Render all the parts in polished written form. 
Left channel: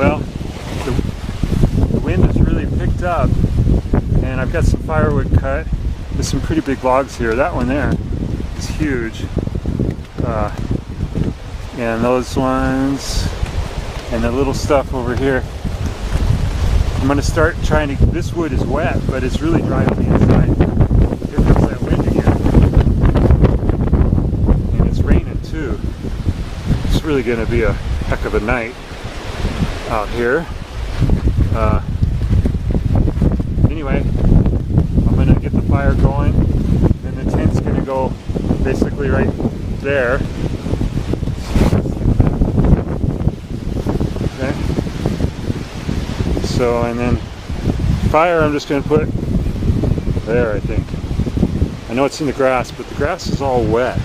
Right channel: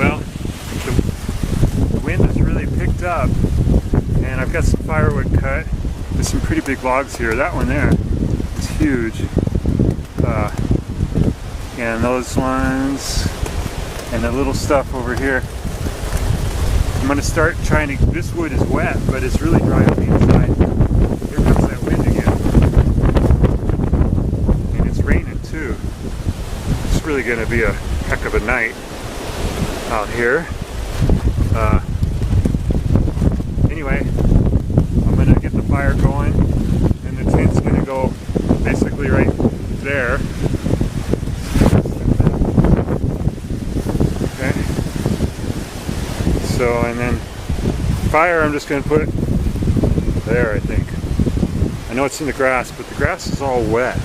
Well, the wind has really picked up, and I've got some firewood cut. There's some pretty big logs here. That one there is huge. And those ones, and the little stuff over here. I'm going to start trying to, this wood is wet, but it's really dry on the inside. Here comes that wind again. And it's raining too. It's really going to be a heck of a night out here. Anyway, I'm going to get the fire going, and the tent's going to go basically right there. Okay. So, and then fire I'm just going to put there, I think. I know it's in the grass, but the grass is all wet.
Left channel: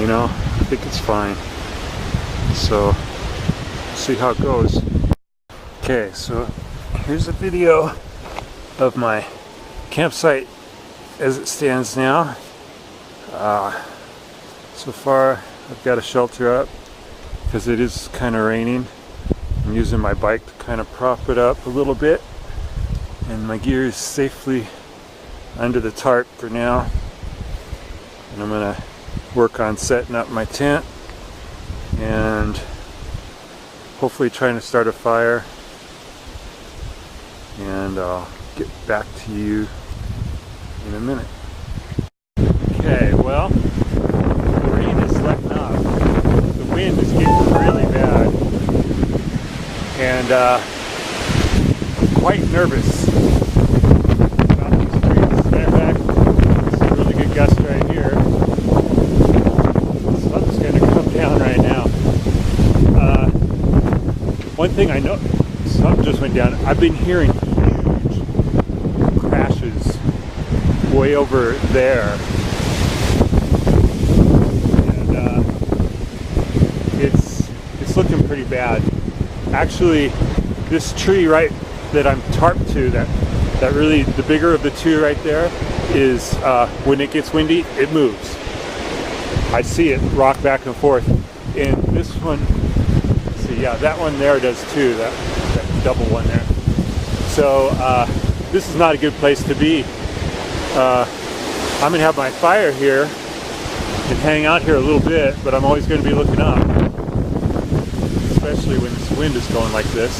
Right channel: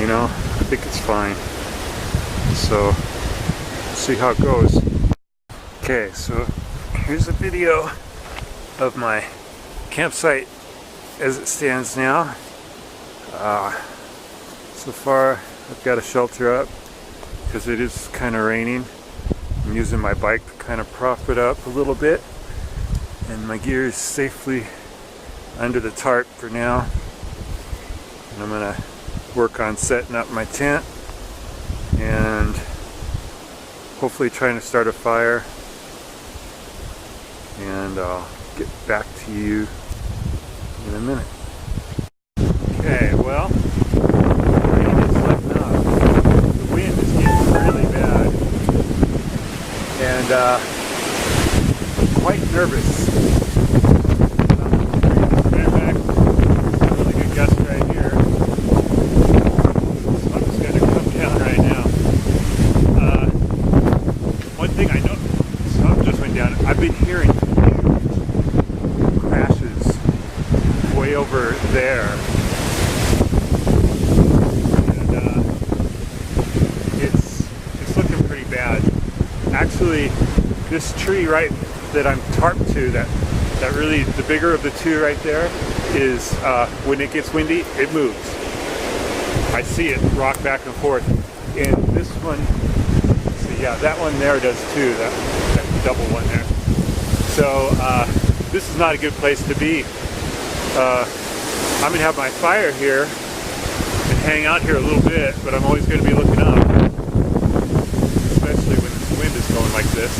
You know, I think it's fine. So, let's see how it goes. Okay, so here's a video of my campsite as it stands now. So far, I've got a shelter up because it is kind of raining. I'm using my bike to kind of prop it up a little bit, and my gear is safely under the tarp for now. And I'm going to work on setting up my tent and hopefully trying to start a fire, and I'll get back to you in a minute. Okay, well, the rain is letting up. The wind is getting really bad. And I'm quite nervous about these trees. As a matter of fact, it's a really good gust right here. Something's going to come down right now. One thing I know, something just went down. I've been hearing huge crashes way over there. And it's looking pretty bad. Actually, this tree right that I'm tarped to, that really, the bigger of the two right there, is when it gets windy, it moves. I see it rock back and forth. And this one, let's see, yeah, that one there does too, that double one there. So this is not a good place to be. I'm going to have my fire here and hang out here a little bit, but I'm always going to be looking up. Especially when this wind is going like this.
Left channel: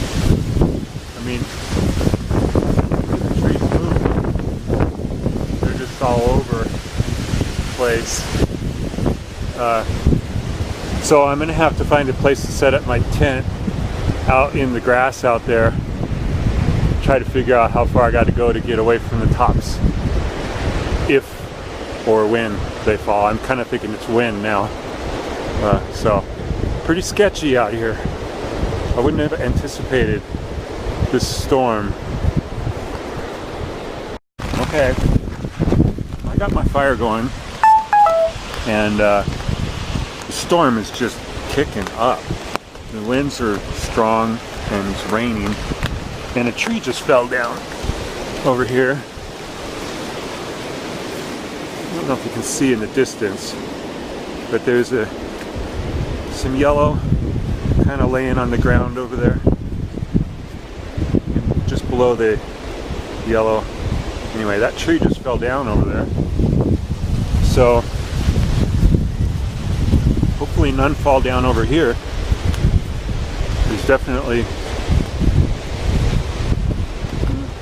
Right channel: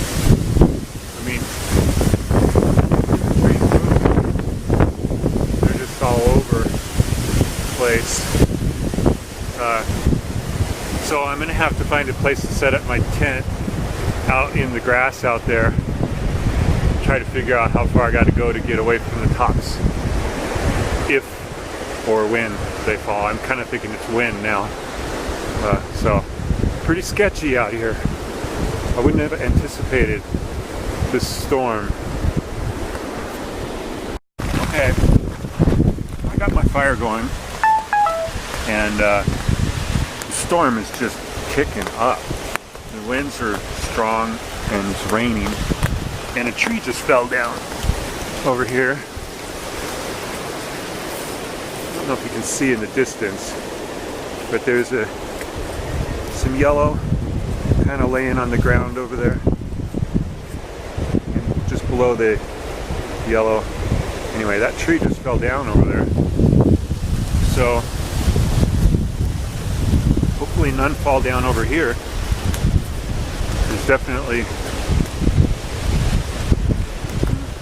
I mean, the trees move. They're just all over the place. So I'm going to have to find a place to set up my tent out in the grass out there. Try to figure out how far I got to go to get away from the tops. If or when they fall. I'm kind of thinking it's when now. So, pretty sketchy out here. I wouldn't have anticipated this storm. Okay, I got my fire going, and the storm is just kicking up. The winds are strong and it's raining, and a tree just fell down over here. I don't know if you can see in the distance, but there's some yellow kind of laying on the ground over there, and just below the yellow. Anyway, that tree just fell down over there. So hopefully none fall down over here. There's definitely,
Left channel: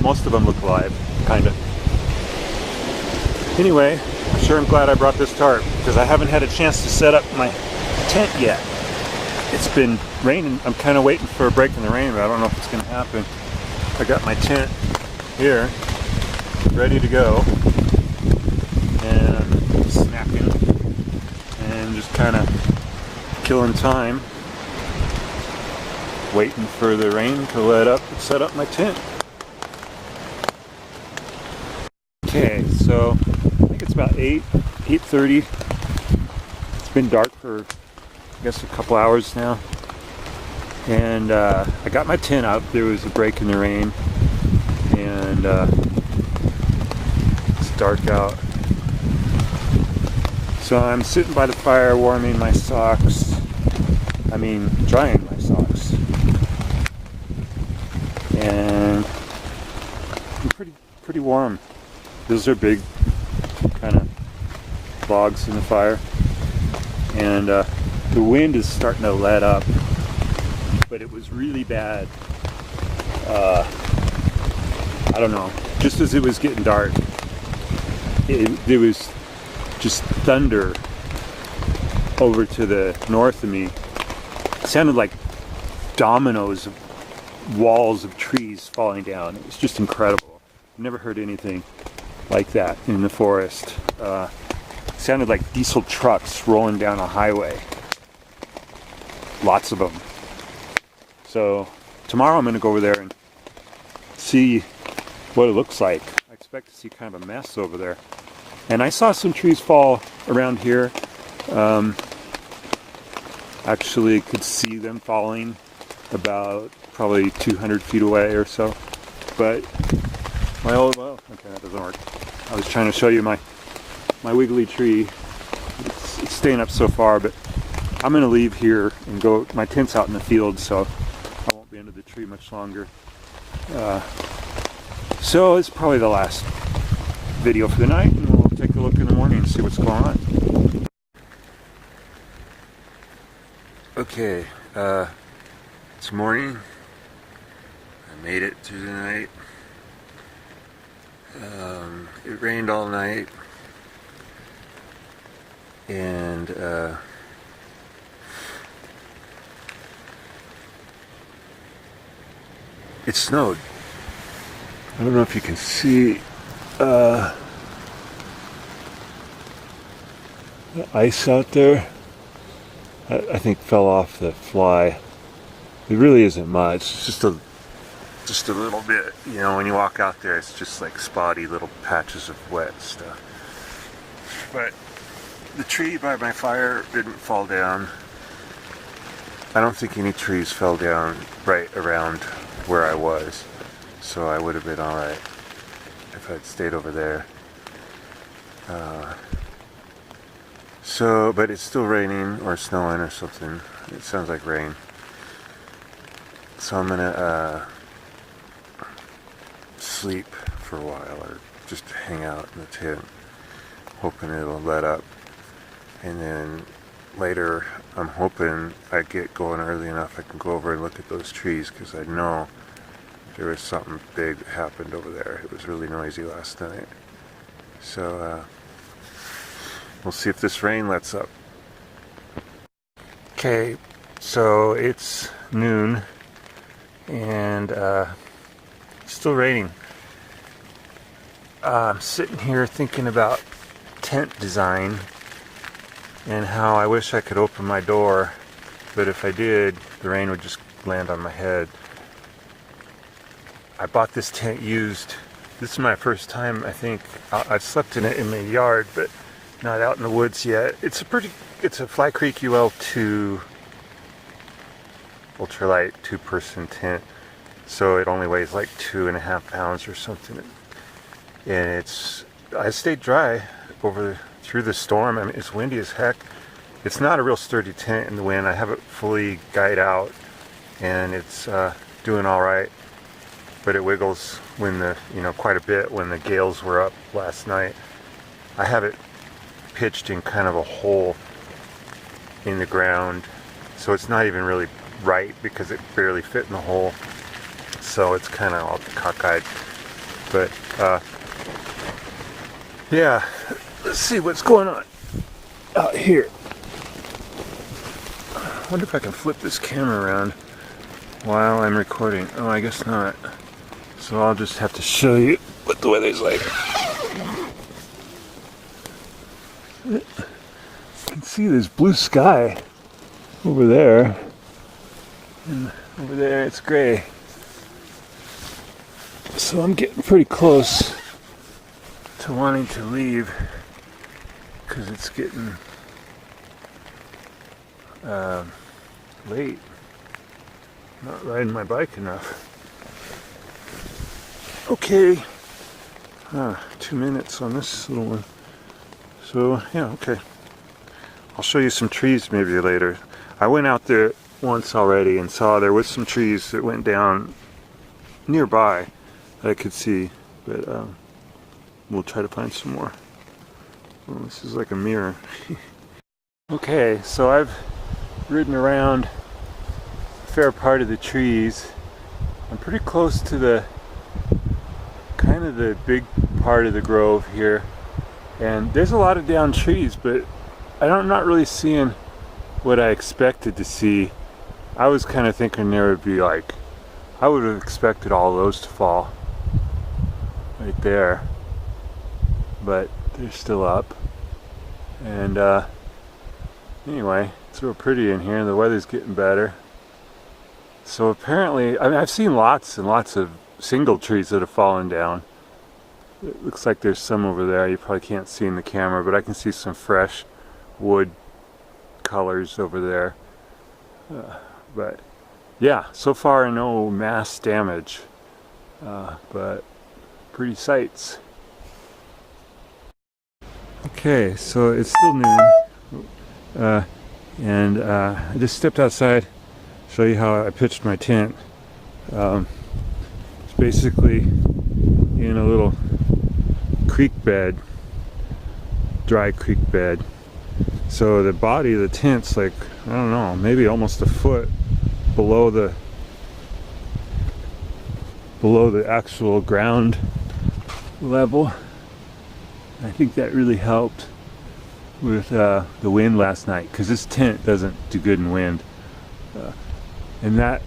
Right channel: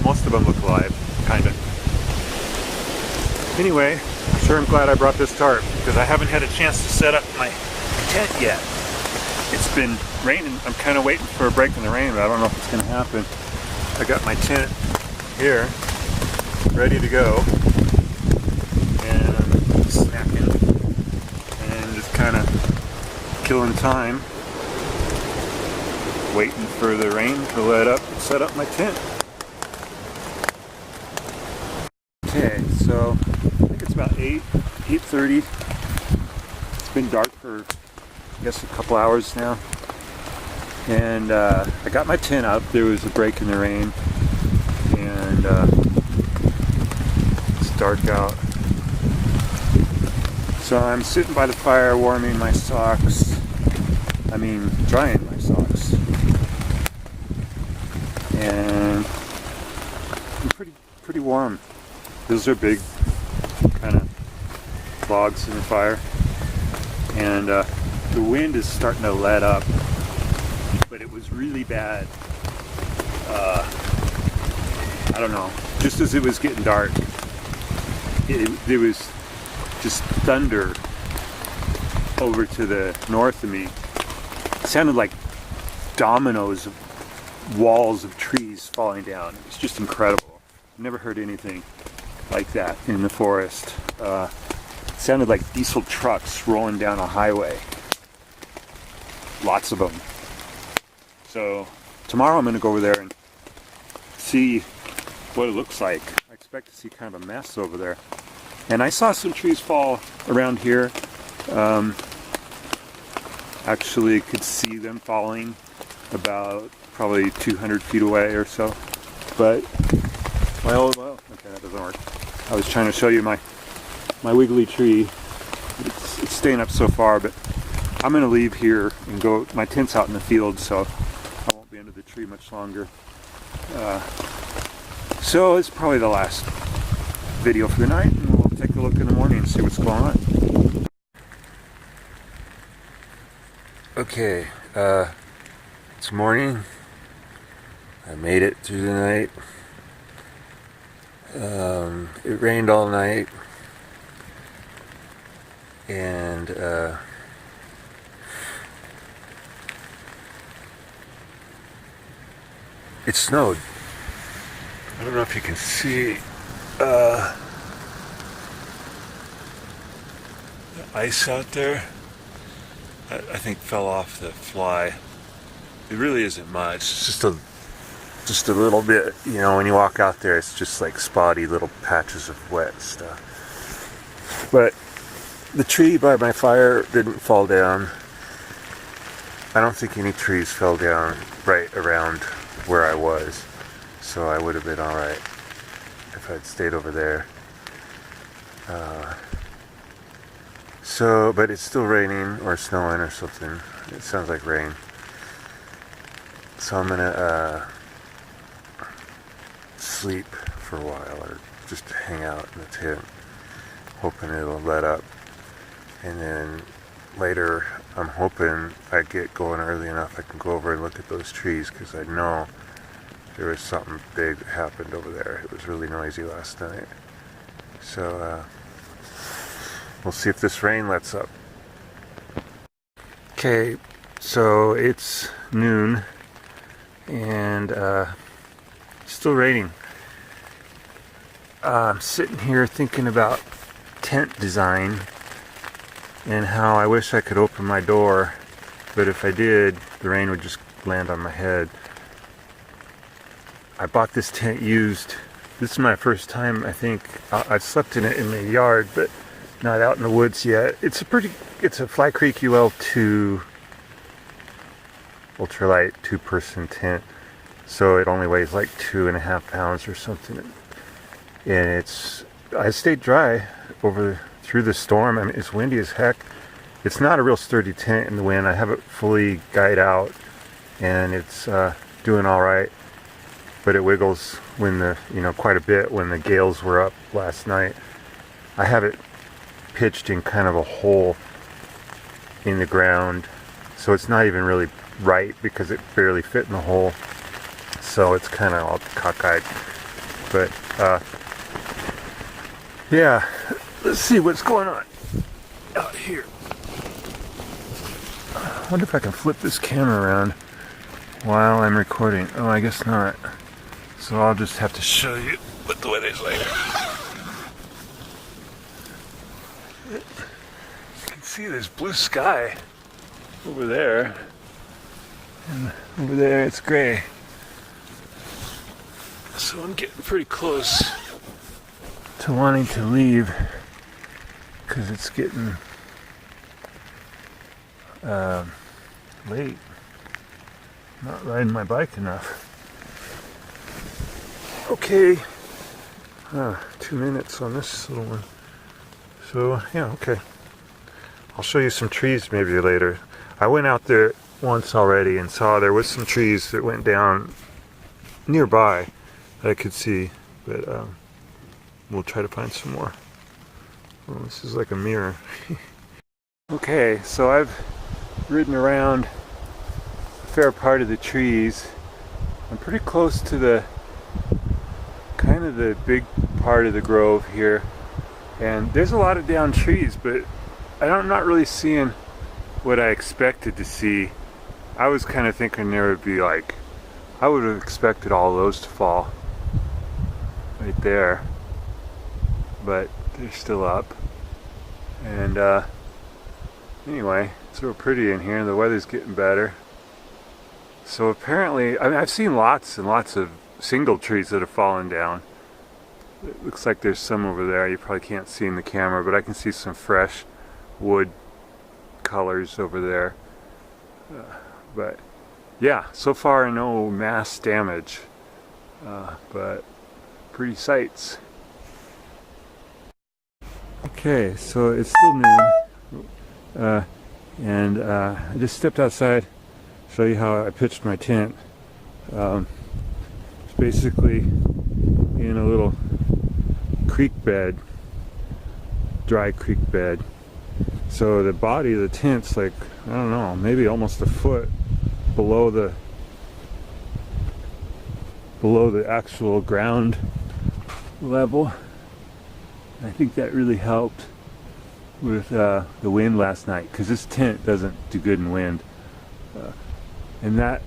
most of them look alive, kind of. Anyway, I'm sure I'm glad I brought this tarp, because I haven't had a chance to set up my tent yet. It's been raining. I'm kind of waiting for a break in the rain, but I don't know if it's going to happen. I got my tent here, ready to go, and I'm snacking and just kind of killing time, waiting for the rain to let up and set up my tent. Okay, so I think it's about 8:30. It's been dark for, I guess, a couple hours now. And I got my tent up. There was a break in the rain, and it's dark out. So I'm sitting by the fire warming my socks. I mean, drying my socks. and pretty warm. Those are big kind of logs in the fire, and the wind is starting to let up, but it was really bad. I don't know, just as it was getting dark, there was just thunder over to the north of me. It sounded like dominoes of walls of trees falling down. It was just incredible. I've never heard anything like that in the forest. It sounded like diesel trucks rolling down a highway. Lots of them. So tomorrow I'm going to go over there and see what it looks like. I expect to see kind of a mess over there. And I saw some trees fall around here. Actually could see them falling about probably 200 feet away or so. But well, okay, that doesn't work. I was trying to show you my wiggly tree. It's staying up so far, but I'm going to leave here and go. My tent's out in the field, so I won't be under the tree much longer. So it's probably the last video for the night, and we'll take a look in the morning and see what's going on. Okay, it's morning. I made it through the night. It rained all night, and it snowed. I don't know if you can see the ice out there. I think fell off the fly. It really isn't much. It's just a little bit, you know, when you walk out there, it's just like spotty little patches of wet stuff. But the tree by my fire didn't fall down. I don't think any trees fell down right around where I was. So I would have been alright if I'd stayed over there. But it's still raining or snowing or something. It sounds like rain. So I'm gonna sleep for a while, or just hang out in the tent, hoping it'll let up. And then later, I'm hoping I get going early enough I can go over and look at those trees, because I know there was something big that happened over there. It was really noisy last night. So we'll see if this rain lets up. Okay, so it's noon, and it's still raining. I'm sitting here thinking about tent design and how I wish I could open my door, but if I did, the rain would just land on my head. I bought this tent used. This is my first time, I think. I've slept in it in the yard, but not out in the woods yet. It's a Fly Creek UL2 ultralight 2-person tent, so it only weighs like 2.5 pounds or something. And I stayed dry through the storm. I mean, it's windy as heck. It's not a real sturdy tent in the wind. I have it fully guyed out, and it's doing all right. But it wiggles quite a bit when the gales were up last night. I have it pitched in kind of a hole in the ground, so it's not even really right because it barely fit in the hole. So it's kind of all cockeyed. But yeah, let's see what's going on out here. I wonder if I can flip this camera around while I'm recording. Oh, I guess not. So I'll just have to show you what the weather's like. You can see there's blue sky over there, and over there it's gray. So I'm getting pretty close to wanting to leave because it's getting late. Not riding my bike enough. Okay, 2 minutes on this little one. So yeah, okay. I'll show you some trees maybe later. I went out there once already and saw there was some trees that went down nearby that I could see, but we'll try to find some more. Oh, this is like a mirror. Okay, so I've ridden around a fair part of the trees. I'm pretty close to the kind of the big part of the grove here, and there's a lot of down trees, but I'm not really seeing what I expected to see. I was kind of thinking there would be like, I would have expected all those to fall right there, but they're still up. And anyway, it's real pretty in here. The weather's getting better. So apparently, I mean, I've seen lots and lots of single trees that have fallen down. It looks like there's some over there. You probably can't see in the camera, but I can see some fresh wood colors over there. But yeah, so far no mass damage, but pretty sights. Okay, so it's still noon, and I just stepped outside to show you how I pitched my tent. It's basically in a little creek bed, dry creek bed. So the body of the tent's like, I don't know, maybe almost a foot below the actual ground level. I think that really helped with the wind last night, because this tent doesn't do good in wind. And that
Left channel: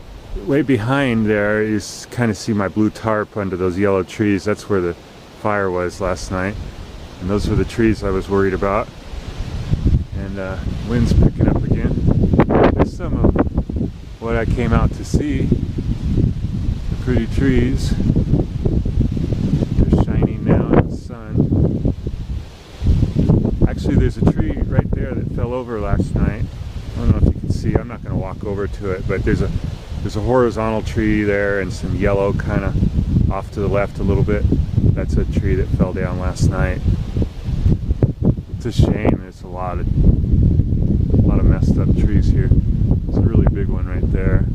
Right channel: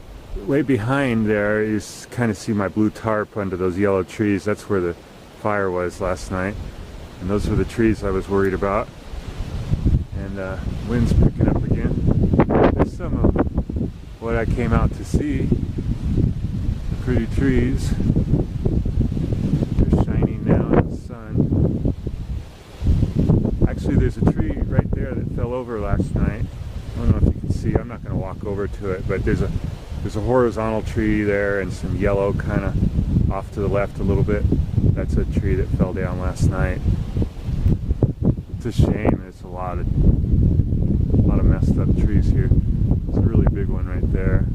way behind there is kind of see my blue tarp under those yellow trees. That's where the fire was last night, and those were the trees I was worried about. And wind's picking up again. There's some of what I came out to see. The pretty trees. They're shining now in the sun. Actually, there's a tree right there that fell over last night. I don't know if you can see. I'm not going to walk over to it, but there's a horizontal tree there and some yellow kind of off to the left a little bit. That's a tree that fell down last night. It's a shame. There's a lot of messed up trees here. There's a really big one right there.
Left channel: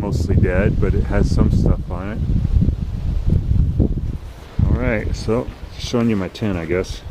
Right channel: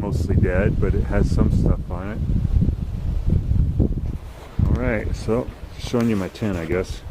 Mostly dead, but it has some stuff on it. Alright, so showing you my tent, I guess.